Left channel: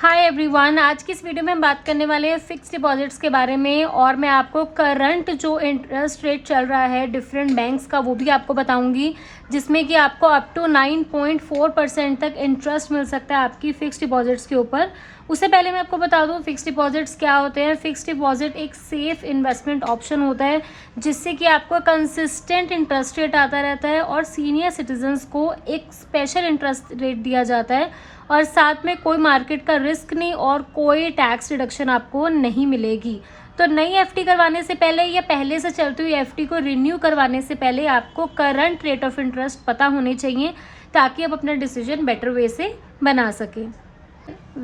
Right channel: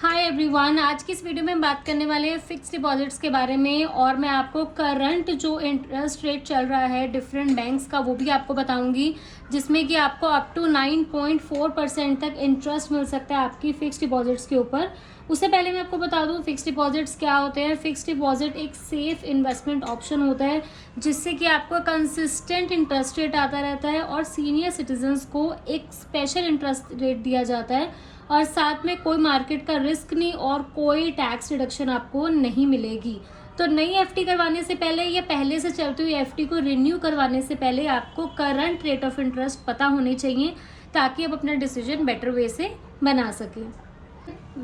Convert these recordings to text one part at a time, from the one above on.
Hi everyone, आज की इस वीडियो में हम बात करने वाले हैं फिक्स डिपॉजिट्स के बारे में। और मैं आपको करंट जो इंटरेस्ट रेट चल रहा है डिफरेंट बैंक्स का वो भी आपको बताऊंगी, जिसमें कि आपको अप टू 9.4% तक इंटरेस्ट मिल सकता है आपकी फिक्स डिपॉजिट्स के ऊपर। उससे पहले मैं आपको बता दूं फिक्स डिपॉजिट्स क्या होते हैं। फिक्स डिपॉजिट एक सेफ इन्वेस्टमेंट ऑप्शन होता है जिससे कि आपको कंसिस्टेंट इंटरेस्ट रेट आता रहता है और सीनियर सिटीजन्स को एक स्पेशल इंटरेस्ट रेट दिया जाता है, और साथ में कोई मार्केट का रिस्क नहीं और कोई टैक्स रिडक्शन आपको नहीं मिलेगी। तो नई एफडी करवाने से पहले या पहले से चलती हुई एफडी को रिन्यू करवाने से पहले आपको करंट रेट ऑफ इंटरेस्ट पता होने चाहिए ताकि आप अपना डिसीजन बेटर वे से बना सकें।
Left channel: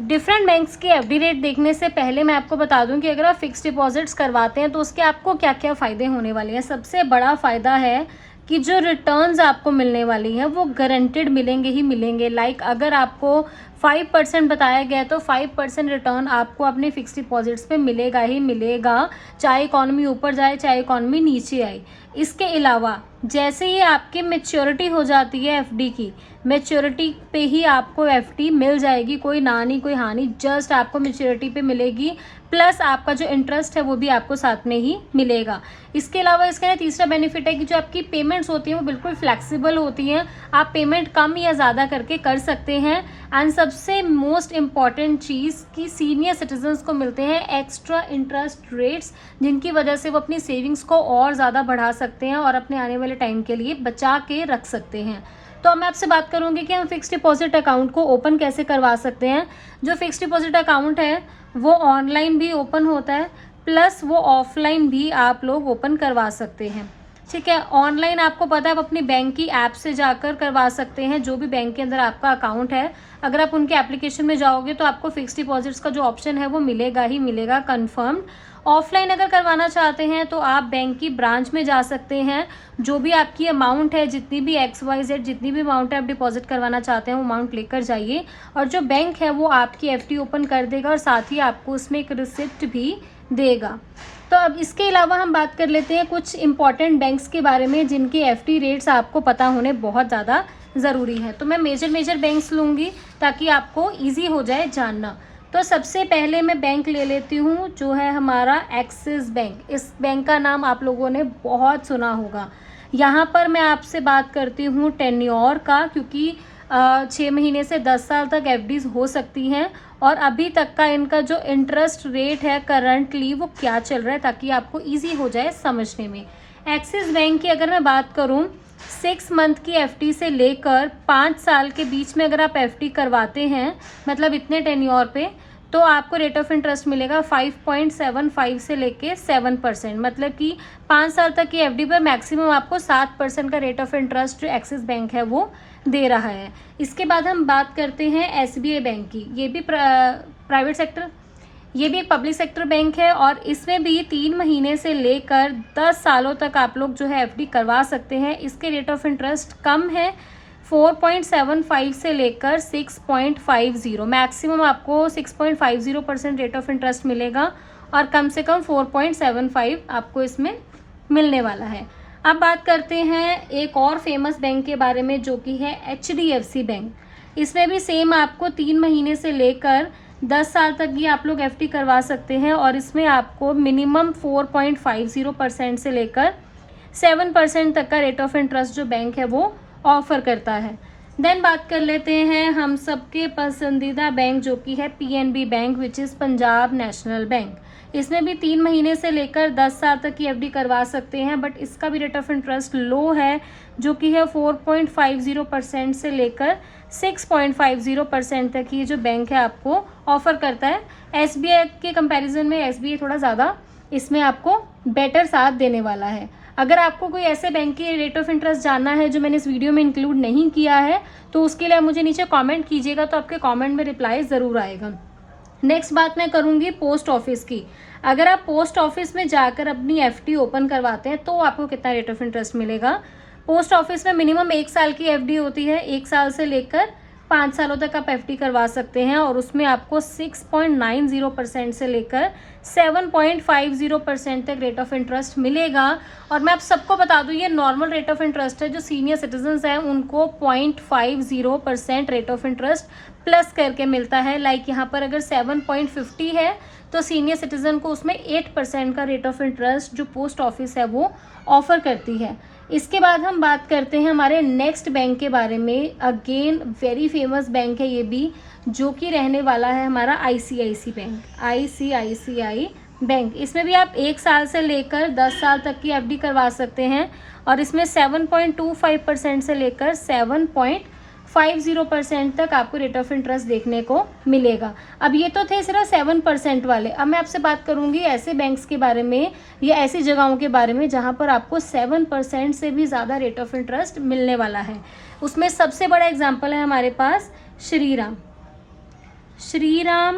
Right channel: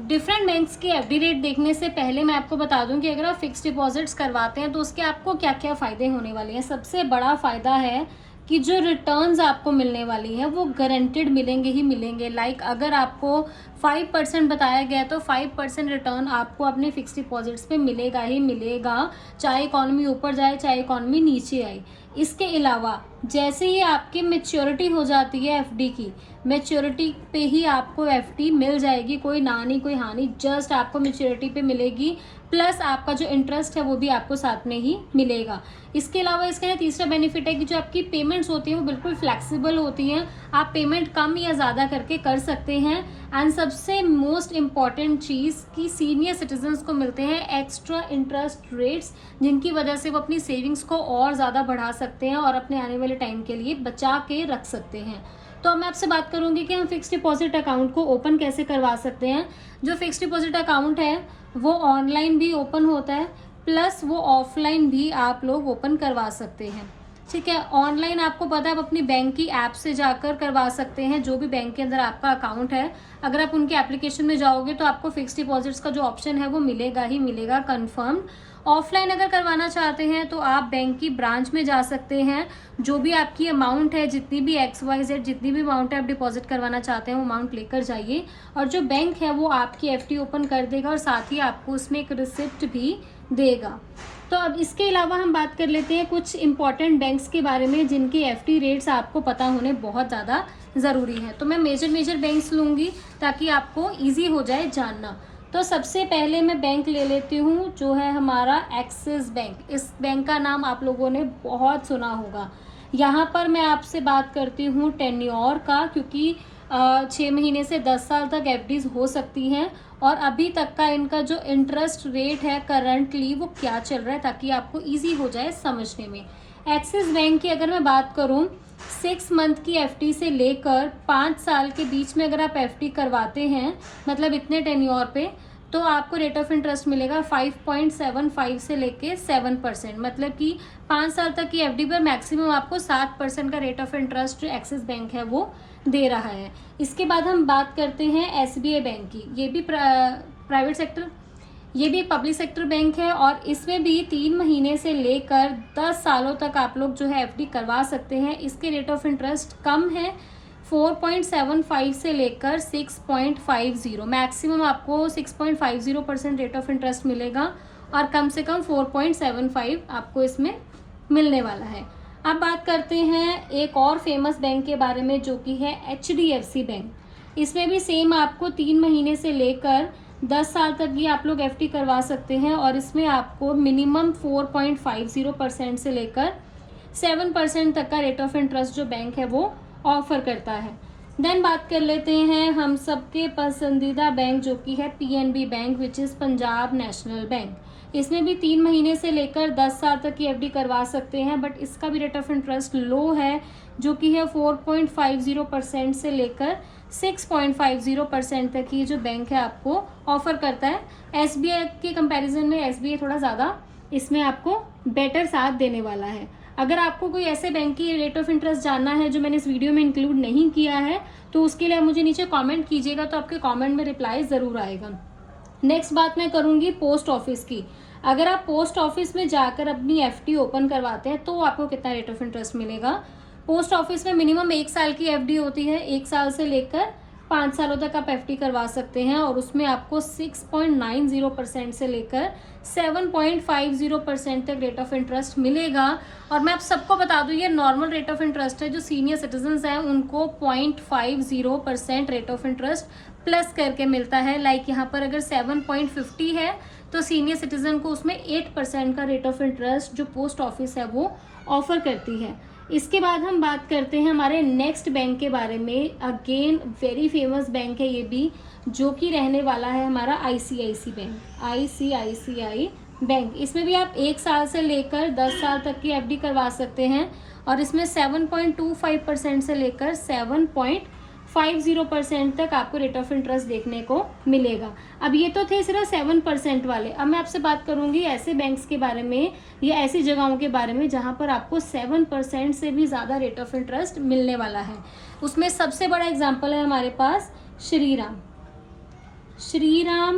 डिफरेंट बैंक्स की एफडी रेट देखने से पहले मैं आपको बता दूं कि अगर आप फिक्स डिपॉजिट्स करवाते हैं तो उसके आपको क्या क्या फ़ायदे होने वाले हैं। सबसे बड़ा फ़ायदा है कि जो रिटर्न्स आपको मिलने वाली है वो गारंटेड मिलेंगे ही मिलेंगे। लाइक अगर आपको 5% बताया गया है तो 5% रिटर्न आपको अपने फिक्स डिपॉजिट्स पे मिलेगा ही मिलेगा, चाहे इकॉनमी ऊपर जाए चाहे इकॉनमी नीचे आए। इसके अलावा जैसे ही आपकी मैच्योरिटी हो जाती है एफडी की, मैच्योरिटी पे ही आपको एफडी मिल जाएगी, कोई ना नहीं कोई हानि, जस्ट आपको मैच्योरिटी पे मिलेगी। प्लस आपका जो इंटरेस्ट है वो भी आपको साथ में ही मिलेगा। इसके अलावा इसका तीसरा बेनिफिट है कि जो आपकी पेमेंट्स होती हैं वो बिल्कुल फ्लेक्सिबल होती हैं, आप पेमेंट कम या ज़्यादा करके कर सकते हैं। एंड सबसे मोस्ट इम्पॉर्टेंट चीज़ कि सीनियर सिटीजन्स को मिलते हैं एक्स्ट्रा इंटरेस्ट रेट्स, जिनकी वजह से वो अपनी सेविंग्स को और ज़्यादा बढ़ा सकते हैं और अपने आने वाले टाइम के लिए बचा के रख सकते हैं। तो मैं आपसे बात करूंगी कि हम फिक्स डिपॉजिट अकाउंट को ओपन कैसे करवा सकते हैं। जो फिक्स डिपॉजिट अकाउंट है वो ऑनलाइन भी ओपन होता है, प्लस वो ऑफलाइन भी आप लोग ओपन करवा सकते हैं। ठीक है, ऑनलाइन आपको पता है आप अपनी बैंक की ऐप से जाकर करवा सकते हैं, जो भी बैंक के अंदर आपका अकाउंट है। अगर आप उनके एप्लीकेशन में जाओगे तो आपको फिक्स डिपॉजिट्स का जो ऑप्शन है वो मिलेगा ही मिलेगा कन्फर्म्ड। ऑफलाइन अगर करवाना चाहते हैं तो आप बैंक की ब्रांच में जा सकते हैं, जो भी आपकी अमाउंट है, जितनी भी XYZ जितनी भी अमाउंट है आप डिपॉजिट करवाना चाहते हैं वो अमाउंट लेकर जाइए, और जो बैंक है वो आपकी एफडी ओपन कर देगा और साथ ही आपको उसमें एक रिसिप्ट भी देगा। तो अब इसके अलावा हम बात कर लेते हैं कुछ इंपॉर्टेंट बैंक्स के बारे में जिनके एफडी रेट्स आपको पता होने बहुत ज़्यादा ज़रूरी है। तो मैं मेजर बैंक्स लूँगी ताकि आपको ईजी हो जाए जानना। तो सबसे पहले मैं बैंक ले लेती हूँ जो है हमारा एक्सिस बैंक। इस बैंक का नाम आप लोगों ने बहुत सुना होगा। यहाँ पर मैं आपसे बात करती हूँ टेन्योर का, क्योंकि 6 महीने से 10 साल तक एफडीज हो सकती हैं, और अभी तक का इनका जो इंटरेस्ट रेट है करंटली वो क्या चल रहा है ताकि आपको ईजी हो जाए समझने में। एक्सिस बैंक की अगर मैं बात करूँ 6 मंथ की एफडी से लेकर 5 साल के बीच में अगर आप एफडी करवाते हैं, मतलब इतने टेन्योर पे, तो आपको रेट ऑफ इंटरेस्ट मिलेगा 5.75 से लेके 7%। मतलब कि 5 साल तक की एफडी पर मैक्सिमम आपको 7% का रेट ऑफ इंटरेस्ट जो एक्सिस बैंक है वो दे रहा है। इसके बाद हम बात करते हैं SBI बैंक की। ये भी प्राइवेट सेक्टर, ये भी एक पब्लिक सेक्टर बैंक है, और इसमें भी 3 महीने से लेकर 10 सालों तक आप लोग जो है एफडी करवा सकते हैं। इसके रेट ऑफ इंटरेस्ट कम है, 4.75 से लेकर 6.50, मैक्सिमम आपको 6.50% रेट ऑफ इंटरेस्ट मिलेगा, और कम से कम 4.75 आपको इसमें मिलने वाला है। अब बात करते हैं एक और फेमस बैंक के बारे में जो कि है HDFC बैंक। इसमें भी सेम आपको 3 महीने से लेकर 10 साल तक ये आप लोग एफडी करवा सकते हैं, और इसमें आपको मिनिमम 4.50% से लेकर 7% तक का रेट ऑफ इंटरेस्ट जो बैंक है वो ऑफर करता है। देन बात कर लेते हैं हम सबके पसंदीदा बैंक जो कि है PNB bank, which is Punjab national bank. इसमें भी 3 महीने से लेकर 10 साल तक की एफडी करवा सकते हैं, बट इसका भी रेट ऑफ इंटरेस्ट लो है जो कि है 4.50% से लेकर 6.50% तक ये जो बैंक है आपको ऑफर करता है। SBI के कंपैरिजन में SBI थोड़ा ज़्यादा इसमें आपको बेटर साथ देने वाला है। अगर आपको कोई ऐसे बैंक की रेट ऑफ इंटरेस्ट जानना है जो मैंने इस वीडियो में इंक्लूड नहीं किया है तो उसके लिए मुझे नीचे कमेंट कीजिएगा, तो आपके कमेंट में रिप्लाई ज़रूर आएगा। नेक्स्ट बात मैं करूँगी पोस्ट ऑफिस की। अगर आप पोस्ट ऑफिस में जाकर अपनी एफडी ओपन करवाते हैं तो आपको कितना रेट ऑफ इंटरेस्ट मिलेगा। पोस्ट ऑफिस में मिनिमम 1 साल की एफडी होती है, 1 साल से लेकर 5 सालों तक आप एफडी करवा सकते हैं, और उसमें आपको 6.90% से लेकर 7.50% तक रेट ऑफ इंटरेस्ट मिलेगा। और मैं आप सबको बता दूं ये नॉर्मल रेट ऑफ इंटरेस्ट है, जो सीनियर सिटीजन्स हैं उनको 0.50% रेट ऑफ इंटरेस्ट प्लस करके मिलता है। लाइक यहाँ पर अगर 7.50 है तो सीनियर सिटीजन को उसमें 8% का रेट ऑफ इंटरेस्ट जो पोस्ट ऑफिस है वो ऑफर करती है। इसके बाद हम बात करते हैं हमारे नेक्स्ट बैंक के बारे में। अगेन वेरी फेमस बैंक है ये भी, जो कि रहने वाला है हमारा ICICI बैंक, ICICI बैंक। इसमें भी आप 1 साल से लेकर 10 साल तक की FD करवा सकते हैं और इसमें 7.25% से लेकर 7.50% तक आपको रेट ऑफ इंटरेस्ट देखने को मिलेगा। अब ये तो थे सिर्फ 7% वाले। अब मैं आपसे बात करूंगी ऐसे बैंक्स के बारे में या ऐसी जगहों के बारे में जहां पर आपको 7% से भी ज़्यादा रेट ऑफ इंटरेस्ट मिलने वाला है। उसमें सबसे बड़ा एग्जाम्पल है हमारे पास श्रीराम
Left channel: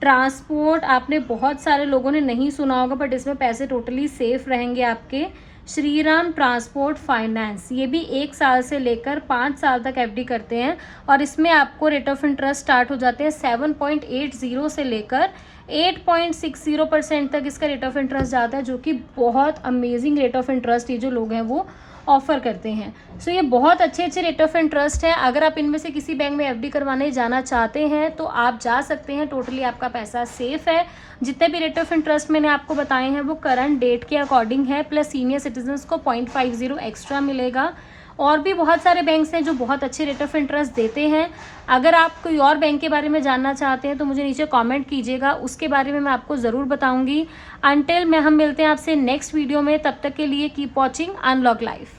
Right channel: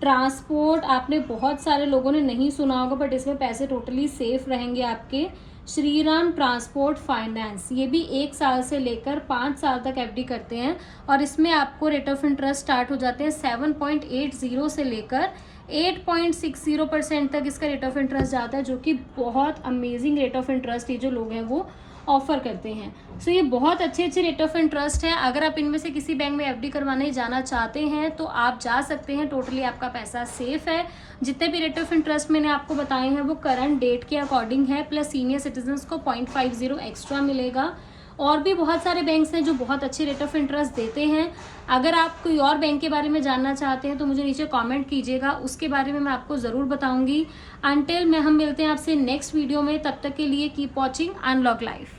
ट्रांसपोर्ट। आपने बहुत सारे लोगों ने नहीं सुना होगा, बट इसमें पैसे टोटली सेफ रहेंगे आपके। श्रीराम ट्रांसपोर्ट फाइनेंस, ये भी 1 साल से लेकर 5 साल तक FD करते हैं और इसमें आपको रेट ऑफ इंटरेस्ट स्टार्ट हो जाते हैं 7.80 से लेकर 8.60% तक इसका रेट ऑफ इंटरेस्ट जाता है, जो कि बहुत अमेजिंग रेट ऑफ इंटरेस्ट ये जो लोग हैं वो ऑफर करते हैं। सो ये बहुत अच्छे रेट ऑफ इंटरेस्ट है। अगर आप इनमें से किसी बैंक में FD करवाने जाना चाहते हैं तो आप जा सकते हैं, टोटली आपका पैसा सेफ है। जितने भी रेट ऑफ इंटरेस्ट मैंने आपको बताए हैं वो करंट डेट के अकॉर्डिंग है, प्लस सीनियर सिटीजन्स को 0.50 एक्स्ट्रा मिलेगा। और भी बहुत सारे बैंक्स हैं जो बहुत अच्छे रेट ऑफ इंटरेस्ट देते हैं। अगर आप कोई और बैंक के बारे में जानना चाहते हैं तो मुझे नीचे कमेंट कीजिएगा, उसके बारे में मैं आपको ज़रूर बताऊंगी। अंटिल हम मिलते हैं आपसे नेक्स्ट वीडियो में, तब तक के लिए कीप वॉचिंग अनलॉक लाइफ।